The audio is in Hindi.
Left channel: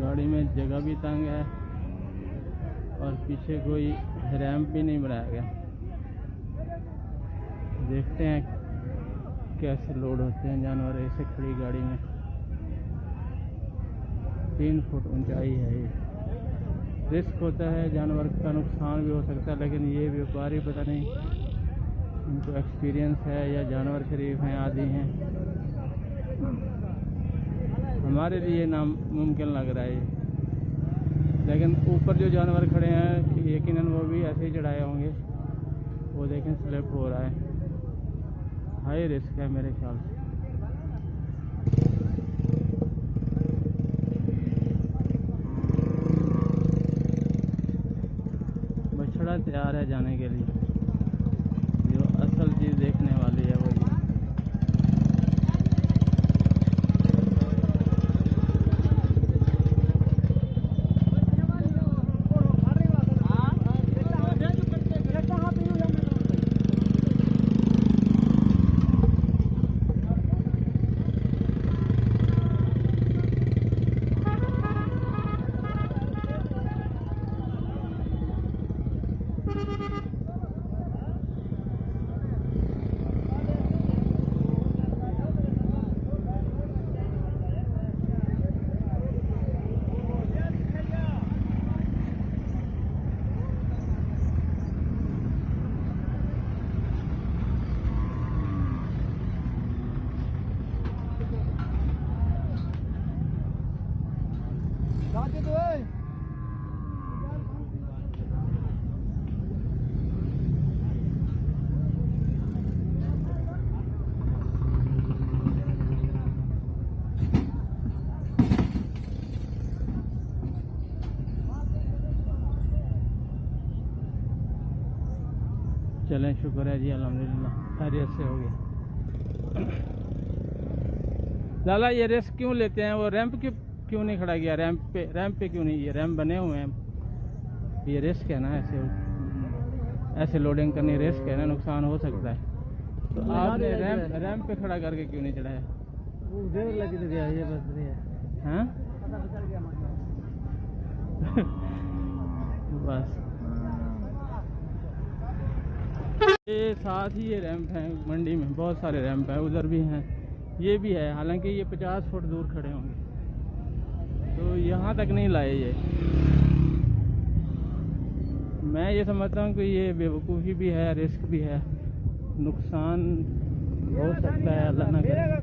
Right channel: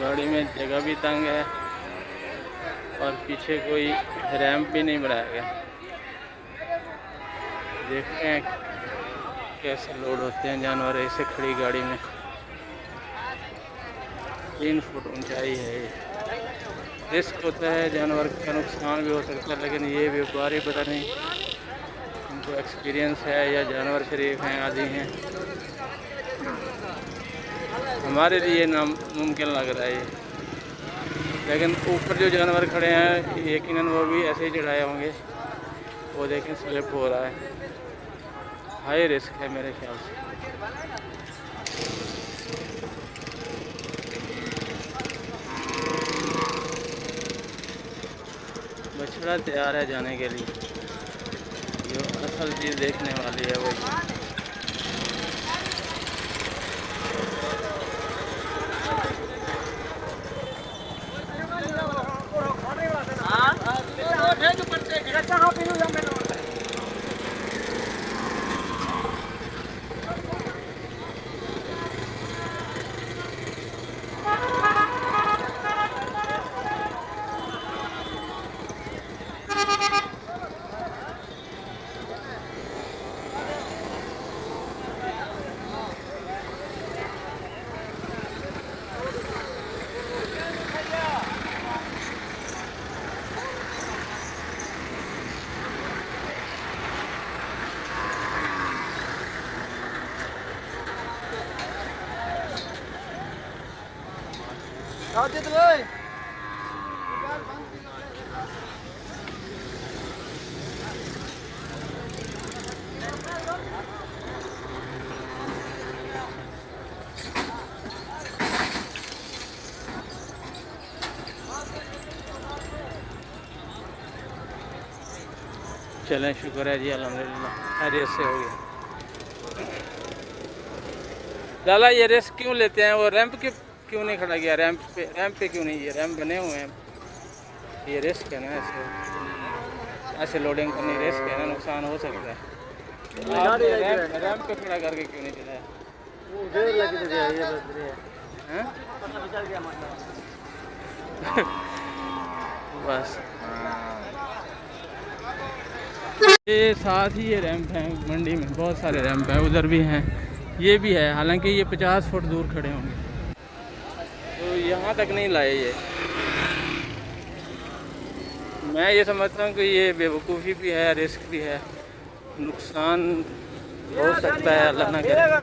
गाड़ी में जगह भी तंग है और पीछे कोई रैंप भी नहीं बनाया गया। देखते हैं कैसे लोड होते हैं जानवर ऐसे खड़ी गाड़ी में। 3 फुट ऊंचाई है ये। रिस्क होता है, जानवर का नुकसान भी हो सकता है, लेकिन ये व्यापारी पता नहीं इनको एक्सपीरियंस है या जानवर शरीफ हैं आदि हैं। हमारे लिए नामुमकिन लग रहा है ये, लेकिन ऊपर जो जानवर खड़े हैं यकीनन वो भी ऐसे ही चढ़ाए होंगे। वो देखें स्लिप हो रहा है, हाई रिस्क है मेरे ख्याल से। बछड़ा तैयार है जाने के लिए। जो असल चीज़ देखने वाली है वो ये। चलें, शुक्र है जी, अल्हम्दुलिल्लाह खैरियत से हो गया। लाला ये रिस्क क्यों लेते हैं? वो रैंप क्यों नहीं खड़ा किया? रैंप पे क्यों नहीं? ये रैंप बने हुए हैं, ये रिस्क है ना। ऐसे लोडिंग करनी रिस्क है ना, नुकसान हो सकता है। तो आपने रैंप पे खड़ा करके क्यों नहीं चलाया? बस ये साथ ही ये रैंप हैं। मंडी में बहुत सारे रैंप हैं, उधर भी हैं, ये भी है। हालांकि ये 50 फुट दूर खड़े होंगे, तो यहाँ तक नहीं लाए ये। मैं ये समझता हूँ कि ये बेवकूफ़ी भी है, रिस्क भी है, नुकसान हो सकता है, अल्लाह ना करे।